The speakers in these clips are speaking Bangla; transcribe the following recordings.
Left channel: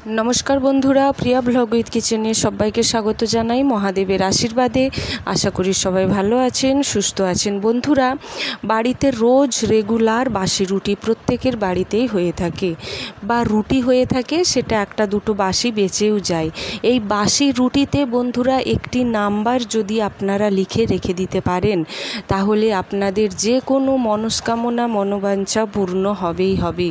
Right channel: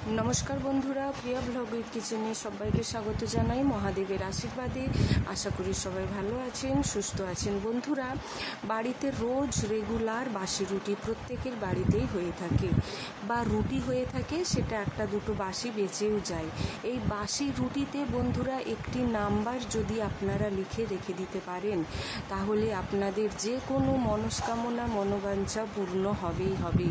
नमस्कार बंधुरा प्रिया ब्लग उइथ किचेने सबाइके स्वागत जानाई महादेवेर आशीर्वादे। आशा करी सबाई भालो आछेन सुस्थ आछेन। बंधुरा बाड़ीते रोज रेगुलार बासी रुटी प्रत्येकेर बाड़ीतेई हये थाके बा रुटी हये थाके, सेटा एकटा दुटो बासी बेचेও যায়। এই বাসি রুটিতে বন্ধুরা একটি নাম্বার যদি আপনারা লিখে রেখে দিতে পারেন তাহলে আপনাদের যে কোনো মনস্কামনা মনোবাঞ্ছা পূর্ণ হবেই হবে।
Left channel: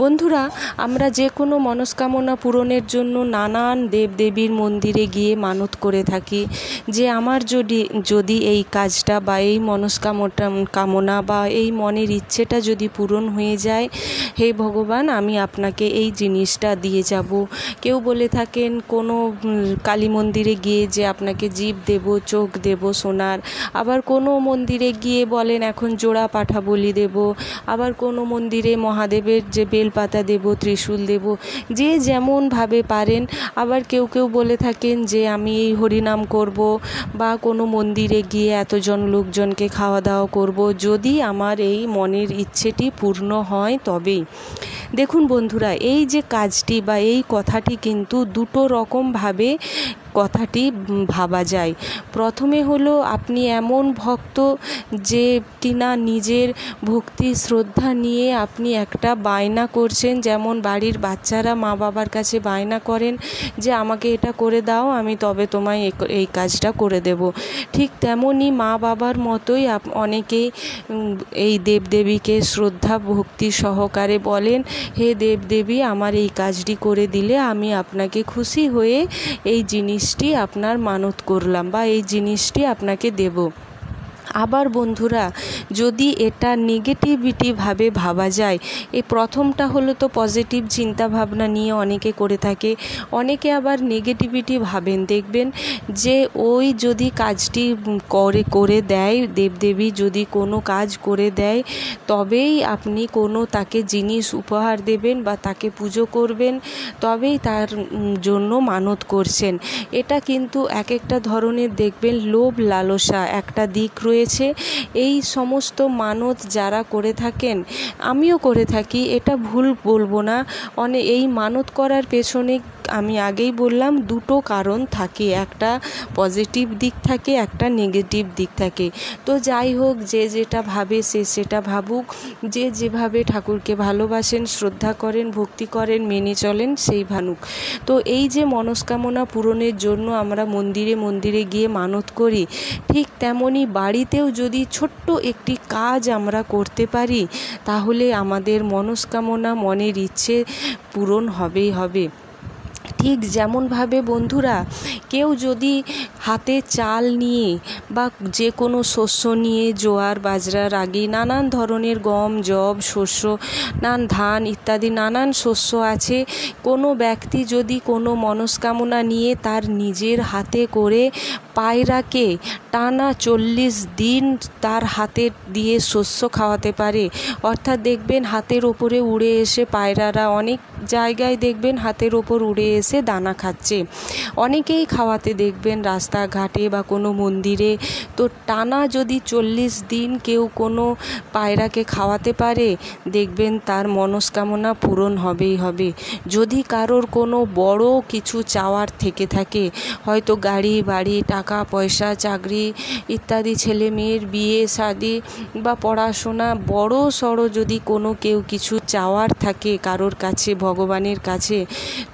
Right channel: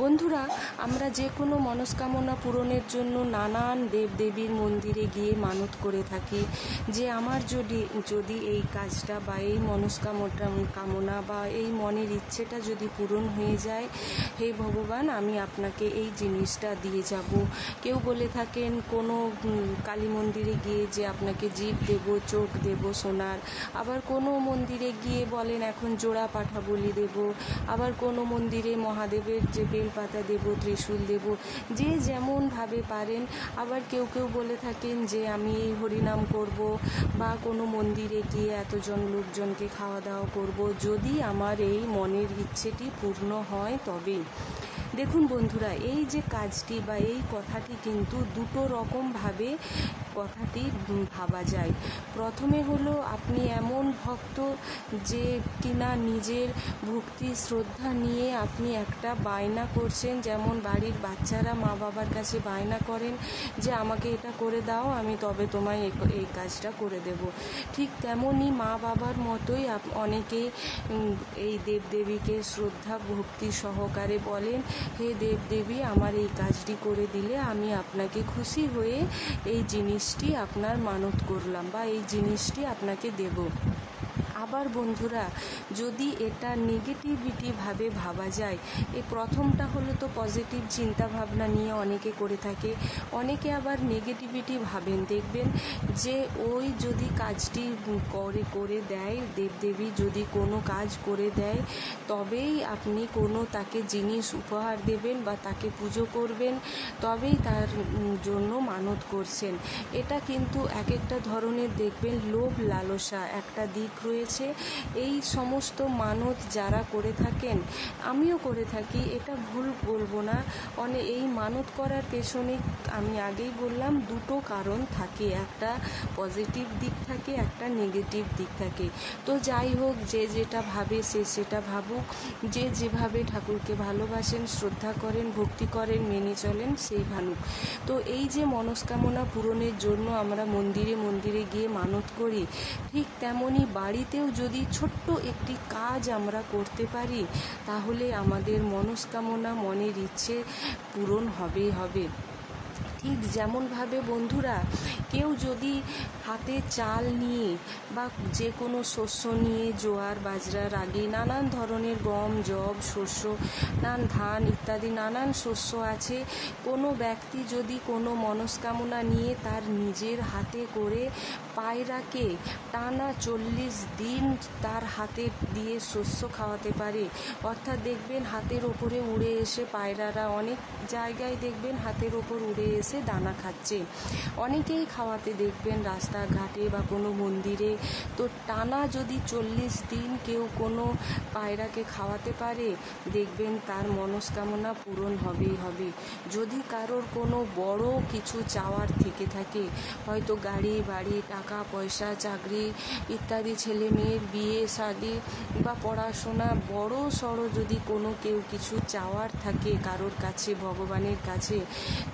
বন্ধুরা আমরা যে কোনো মনস্কামনা পূরণের জন্য নানান দেবদেবীর মন্দিরে গিয়ে মানত করে থাকি যে আমার যদি এই কাজটা বা এই কামনা বা এই মনের ইচ্ছেটা যদি পূরণ হয়ে যায়, হে ভগবান আমি আপনাকে এই জিনিসটা দিয়ে যাব। কেউ বলে থাকেন কোনো কালী মন্দিরে গিয়ে যে আপনাকে জিভ দেব, চোখ দেব সোনার, আবার কোনো মন্দিরে গিয়ে বলেন এখন জোড়া পাঠা বলি দেব, আবার কোনো মন্দিরে মহাদেবের যে বেলপাতা দেব, ত্রিশূল দেব, যে যেমনভাবে পারেন। আবার কেউ কেউ বলে থাকেন যে আমি এই হরিনাম করব বা কোনো মন্দিরে গিয়ে এতজন লোকজনকে খাওয়া দাওয়া করব, যদি আমার এই মনের ইচ্ছেটি পূর্ণ হয় তবেই। দেখুন বন্ধুরা, এই যে কাজটি বা এই কথাটি কিন্তু দুটো রকমভাবে কথাটি ভাবা যায়। প্রথমে হলো আপনি এমন ভক্ত যে কিনা নিজের ভক্তি শ্রদ্ধা নিয়ে আপনি একটা বায়না করছেন, যেমন বাড়ির বাচ্চারা মা বাবার কাছে বায়না করেন যে আমাকে এটা করে দাও আমি তবে তোমায় এই কাজটা করে দেব। ঠিক তেমনই মা বাবার মতোই অনেকেই এই দেবদেবীকে শ্রদ্ধা ভক্তি সহকারে বলেন, হে দেবদেবী আমার এই কাজটি করে দিলে আমি আপনাকে খুশি হয়ে এই জিনিসটি আপনার মানত করলাম বা এই জিনিসটি আপনাকে দেব। আবার বন্ধুরা যদি এটা নেগেটিভিটিভাবে ভাবা যায়, এই প্রথমটা হলো তো পজিটিভ চিন্তা ভাবনা নিয়ে অনেকে করে থাকে, অনেকে আবার নেগেটিভিটি ভাবেন। দেখবেন যে ওই যদি কাজটি করে দেয়, দেবদেবী যদি কোনো কাজ করে দেয় তবেই আপনি কোনো তাকে জিনিস উপহার দেবেন বা তাকে পুজো করবেন, তবেই তার জন্য মানত করছেন। এটা কিন্তু এক একটা ধরনের দেখবেন লোভ লালসা একটা দিক রয়েছে। এই সমস্ত মানত যারা করে থাকেন, আমিও করে থাকি, এটা ভুল বলবো না। এই মানত করার পেছনে আমি আগেই বললাম দুটো কারণ থাকে, একটা পজিটিভ দিক থাকে, একটা নেগেটিভ দিক থাকে। তো যাই হোক, যে যেটা ভাবে সে সেটা ভাবুক, যে যেভাবে ঠাকুরকে ভালোবাসেন শ্রদ্ধা করেন ভক্তি করেন মেনে চলেন সেই ভানুক। তো এই যে মনস্কামনা পূরণের জন্য আমরা মন্দিরে মন্দিরে গিয়ে মানত করি, ঠিক তেমনি বাড়িতেও যদি ছোট্ট একটি কাজ আমরা করতে পারি তাহলে আমাদের মনস্কামনা মনের ইচ্ছে পূরণ হবেই হবে। ঠিক যেমনভাবে বন্ধুরা কেউ যদি হাতে চাল নিয়ে বা যে কোনো শস্য নিয়ে, জোয়ার বাজরা রাগি নানান ধরনের গম যব শস্য ধান ইত্যাদি নানান শস্য আছে, কোনো ব্যক্তি যদি কোনো মনস্কামনা নিয়ে তার নিজের হাতে করে পায়রাকে টানা 40 দিন তার হাতে দিয়ে শস্য খাওয়াতে পারে, অর্থাৎ দেখবেন হাতের ওপরে উড়ে এসে পায়রারা অনেক জায়গায় দেখবেন হাতের ওপর উড়ে এসে দানা খাচ্ছে, অনেকেই খাওয়াতে দেখবেন রাস্তাঘাটে বা কোনো মন্দিরে। তো টানা যদি 40 দিন কেউ কোনো পায়রাকে খাওয়াতে পারে দেখবেন তার মনস্কামনা পূরণ হবেই হবে। যদি কারোর কোনো বড় কিছু চাওয়ার থেকে থাকে, হয়তো গাড়ি বাড়ি টাকা পয়সা চাকরি ইত্যাদি ছেলে মেয়ের বিয়ে শাদি বা পড়াশোনা বড় সড়ো যদি কোনো কেউ কিছু চাওয়ার থাকে কারোর কাছে ভগবানের কাছে,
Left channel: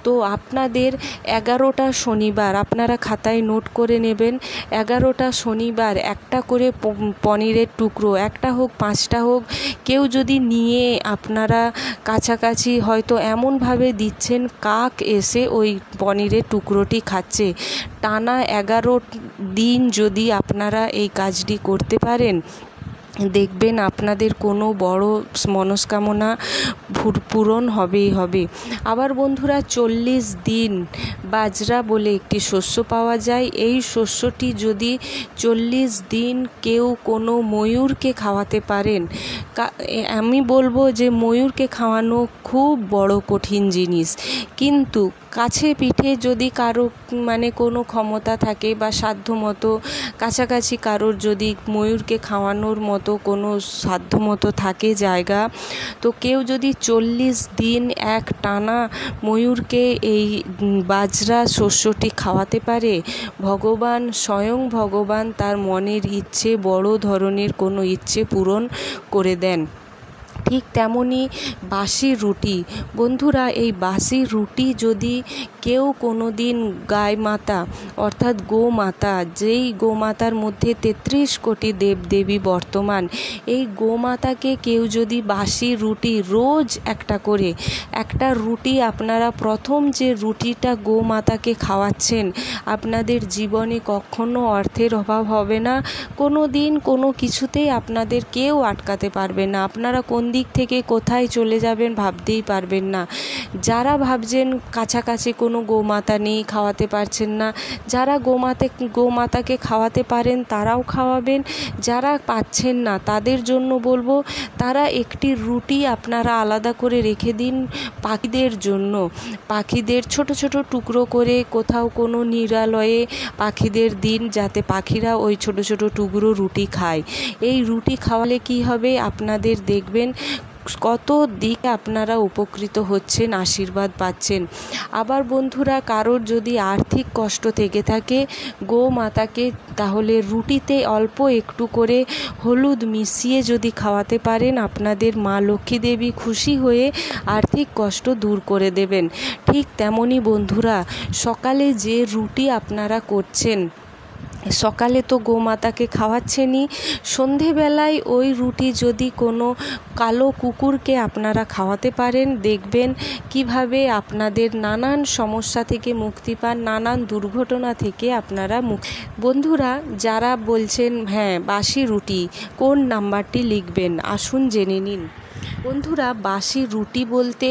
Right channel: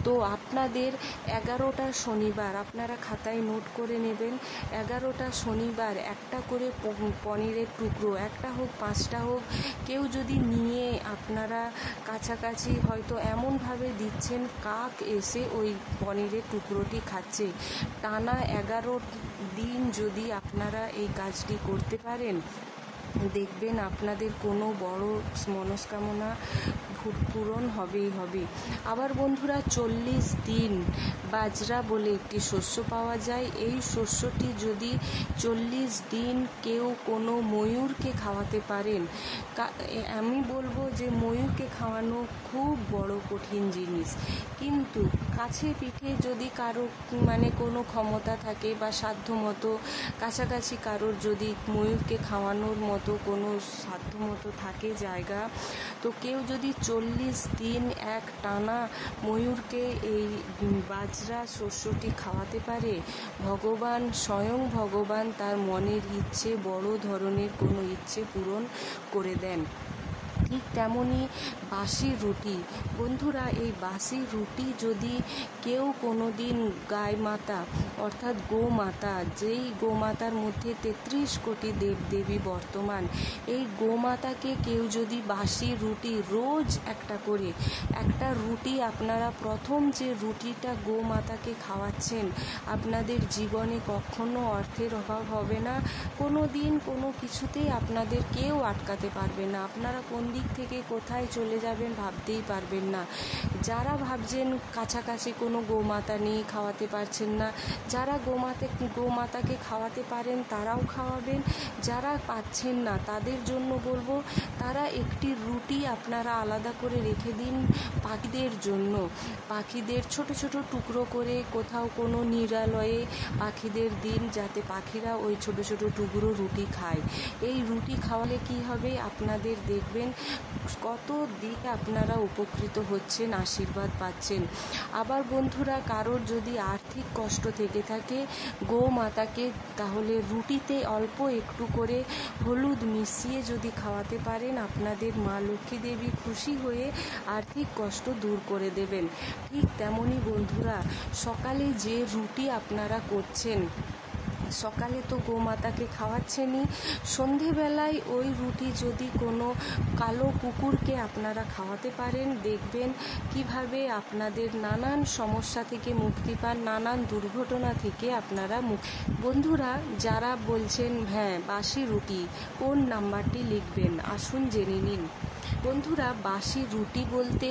তো আপনাদের 11টা শনিবার আপনারা খাতায় নোট করে নেবেন, 11টা শনিবার একটা করে পনিরের টুকরো, একটা হোক 5টা হোক, কেউ যদি নিয়ে আপনারা কাছাকাছি হয়তো এমনভাবে দিচ্ছেন কাক এসে ওই পনিরের টুকরোটি খাচ্ছে, টানা 11 দিন যদি আপনারা এই কাজটি করতে পারেন দেখবেন আপনাদের কোনো বড় মনস্কামনা পূরণ হবেই হবে। আবার বন্ধুরা 40 দিন বাজরা বলে একটি শস্য পাওয়া যায়, এই শস্যটি যদি 40 দিন কেউ কোনো ময়ূরকে খাওয়াতে পারেন, আমি বলবো যে ময়ূরকে খাওয়ানো খুব বড় কঠিন জিনিস। কিন্তু কাছে পিঠে যদি কারো কোনো ক্ষমতা থাকে বা সাধ্যমতো কাছাকাছি কারোর যদি ময়ূরকে খাওয়ানোর মতো কোনো সাধ্যমতো থাকে জায়গা, তো কেউ যদি 40 দিন এক টানা ময়ূরকে এই বাজরা শস্যটি খাওয়াতে পারে, স্বয়ং ভগবান তার মনের ইচ্ছে, বড় ধরনের কোনো ইচ্ছে পূরণ করে দেন। ঠিক তেমনই বাসি রুটি। বন্ধুরা, এই বাসি রুটি যদি কেউ কোনো দিন গাই মাতা অর্থাৎ গোমাতা, যেই গোমাতার মধ্যে 33 কোটি দেবদেবী বর্তমান, এই গোমাতাকে কেউ যদি বাসি রুটি রোজ একটা রুটি আপনারা প্রথম যে রুটিটা গোমাতাকে খাওয়াচ্ছেন, আপনাদের জীবনে কখনো অর্থের অভাব হবে না। কোনো দিন কোনো কিছুতেই আপনাদের কেউ আটকাতে পারবে না। আপনারা কোন দিক থেকে কোথায় চলে যাবেন ভাবতেই পারবেন না। যারা ভাবছেন কাছাকাছি কোনো গোমাতা নেই, খাওয়াতে পারছেন না, যারা গোমাতাকে খাওয়াতে পারেন তারাও খাওয়াবেন। যারা পাচ্ছেন না তাদের জন্য বলবো, তারা একটি রুটি আপনারা আলাদা করে রেখে দিন পাখিদের জন্য। পাখিদের ছোট ছোট টুকরো করে কোথাও কোনো নিরালয়ে পাখিদের দিন, যাতে পাখিরা ওই ছোট ছোট টুকরো রুটি খায়। এই রুটি খাওয়ালে কি হবে, আপনাদের দেখবেন কত দিকে আপনারা উপকৃত হচ্ছেন, আশীর্বাদ পাচ্ছেন। আবার বন্ধুরা, কারোর যদি আর্থিক কষ্ট থেকে থাকে, গোমাতাকে তাহলে রুটিতে অল্প একটু করে হলুদ মিশিয়ে যদি খাওয়াতে পারেন, আপনাদের মা লক্ষ্মী দেবী খুশি হয়ে আর্থিক কষ্ট দূর করে দেবেন। ঠিক তেমনই বন্ধুরা, সকালে যে রুটি আপনারা করছেন, সকালে তো গোমাতাকে খাওয়াচ্ছেনই, সন্ধেবেলায় ওই রুটি যদি কোনো কালো কুকুরকে আপনারা খাওয়াতে পারেন, দেখবেন কিভাবে আপনাদের নানান সমস্যা থেকে মুক্তি পান, নানান দুর্ঘটনা থেকে আপনারা বন্ধুরা, যারা বলছেন হ্যাঁ বাসি রুটি, কোন নাম্বারটি লিখবেন আসুন জেনে নিন। বন্ধুরা, বাসি রুটি বলতে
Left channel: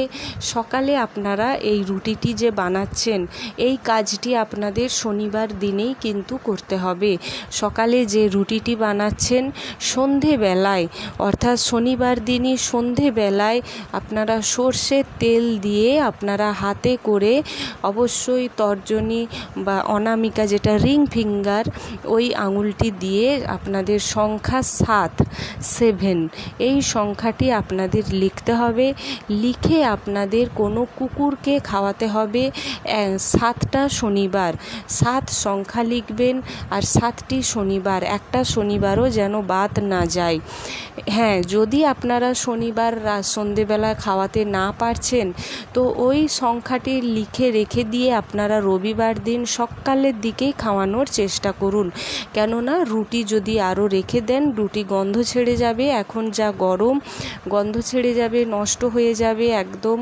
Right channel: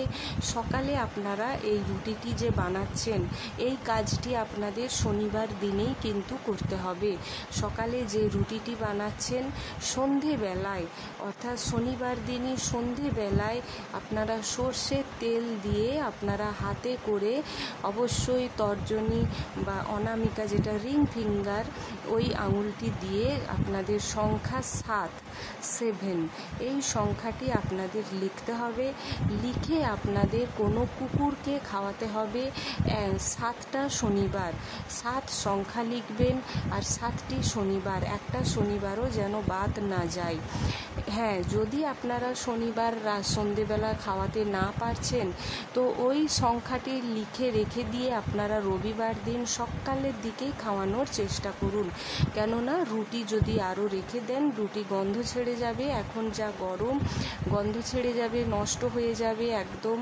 সকালে আপনারা এই রুটিটি যে বানাচ্ছেন, এই কাজটি আপনাদের শনিবার দিনেই কিন্তু করতে হবে। সকালে যে রুটিটি বানাচ্ছেন, সন্ধেবেলায় অর্থাৎ শনিবার দিনই সন্ধেবেলায় আপনারা সর্ষের তেল দিয়ে আপনারা হাতে করে অবশ্যই তর্জনী বা অনামিকা, যেটা রিং ফিঙ্গার, ওই আঙুলটি দিয়ে আপনাদের সংখ্যা 7 এই সংখ্যাটি আপনাদের লিখতে হবে। লিখে আপনাদের কোনো কুকুরকে খাওয়াতে হবে 7টা শনিবার। 7 সংখ্যা লিখবেন আর 7টি শনিবার, একটা শনিবারও যেন বাদ না যায়। হ্যাঁ, যদি আপনারা শনিবার সন্ধেবেলা খাওয়াতে না পারছেন, তো ওই সংখ্যাটি লিখে রেখে দিয়ে আপনারা রবিবার দিন সকালের দিকেই খাওয়ানোর চেষ্টা করুন। কেননা রুটি যদি আরও রেখে দেন, রুটি গন্ধ ছেড়ে যাবে, এখন যা গরম, গন্ধ ছেড়ে যাবে, নষ্ট হয়ে যাবে, একদম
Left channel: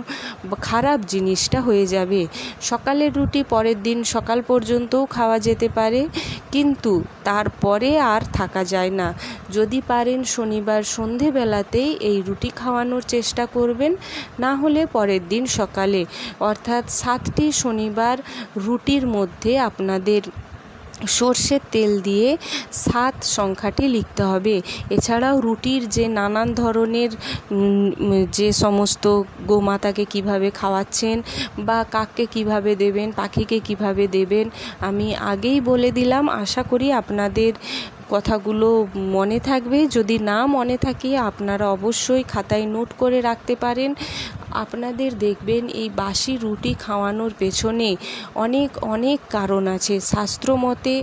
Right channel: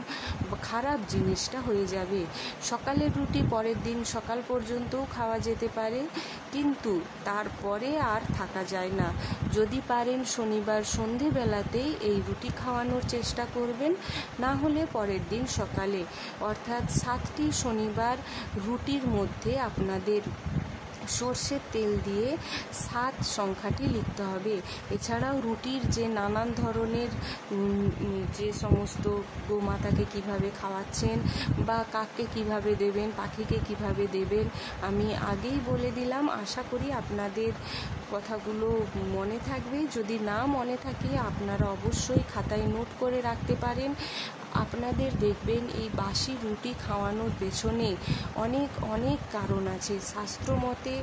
খারাপ জিনিসটা হয়ে যাবে। সকালের রুটি পরের দিন সকাল পর্যন্তও খাওয়া যেতে পারে, কিন্তু তারপরে আর থাকা যায় না। যদি পারেন শনিবার সন্ধেবেলাতেই এই রুটি খাওয়ানোর চেষ্টা করবেন, না হলে পরের দিন সকালে, অর্থাৎ 7টি শনিবার রুটির মধ্যে আপনাদের সর্ষের তেল দিয়ে 7 সংখ্যাটি লিখতে হবে। এছাড়াও রুটির যে নানান ধরনের যে সমস্ত গোমাতাকে কিভাবে খাওয়াচ্ছেন বা কাককে কিভাবে দেবেন, পাখিকে কিভাবে দেবেন, আমি আগেই বলে দিলাম। আশা করি আপনাদের কথাগুলো মনে থাকবে। যদি না মনে থাকে, আপনারা অবশ্যই খাতায় নোট করে রাখতে পারেন। আপনাদের দেখবেন এই বাসি রুটি খাওয়ানোর পেছনে অনেক অনেক কারণ আছে। শাস্ত্রমতে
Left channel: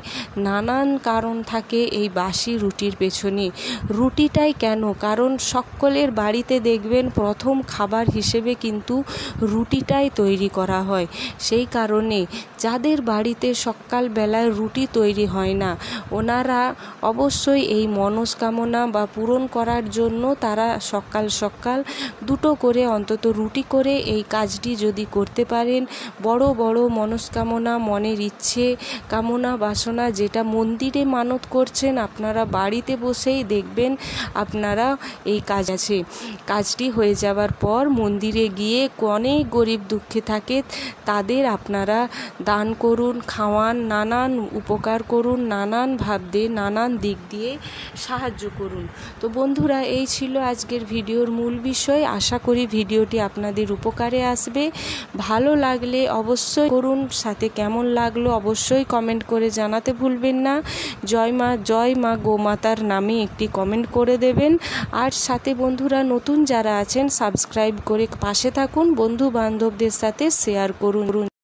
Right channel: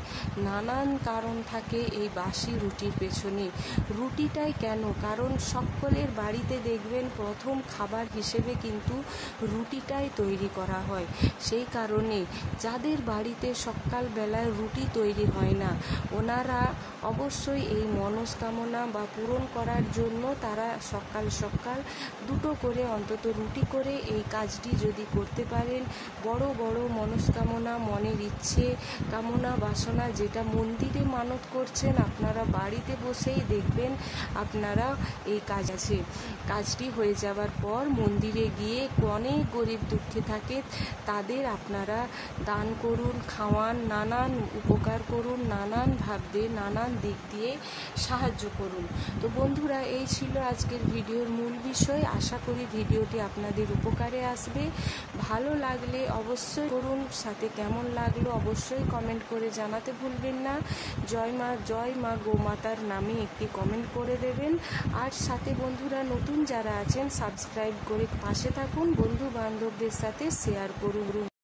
নানান কারণ থাকে এই বাসি রুটির পেছনে। রুটিটাই কেন, কারণ সকলের বাড়িতে দেখবেন প্রথম খাবার হিসেবে কিন্তু রুটিটাই তৈরি করা হয়। সেই কারণে যাদের বাড়িতে সকালবেলায় রুটি তৈরি হয় না, ওনারা অবশ্যই এই মনস্কামনা বা পূরণ করার জন্য তারা সকাল সকাল 2টো করে অন্তত রুটি করে এই কাজটি যদি করতে পারেন, বড় বড় মনস্কামনা, মনের ইচ্ছে, কামনা বাসনা, যেটা মন্দিরে মানত করছেন, আপনারা বাড়িতে বসেই দেখবেন আপনারা এই কাজটি হয়ে যাওয়ার পর মন্দিরে গিয়ে অনেক গরিব দুঃখী থাকে, তাদের আপনারা দান করুন, খাওয়ান, নানান উপকার করুন, নানান ভাব দিয়ে, নানান দিক দিয়ে সাহায্য করুন। তো বন্ধুরা, এই ছিল আজকের ভিডিওর মূল বিষয়। আশা করি ভিডিওটি আপনাদের উপকারে আসবে। ভালো লাগলে অবশ্যই করুন, সাথে কেমন লাগলো অবশ্যই কমেন্ট করে জানাতে ভুলবেন না। জয় মা গোমাতার নামে একটি কমেন্ট করে দেবেন। আর সাথে বন্ধুরা নতুন যারা আছেন সাবস্ক্রাইব করে পাশে থাকুন, বন্ধু বান্ধবদের সাথে শেয়ার করুন।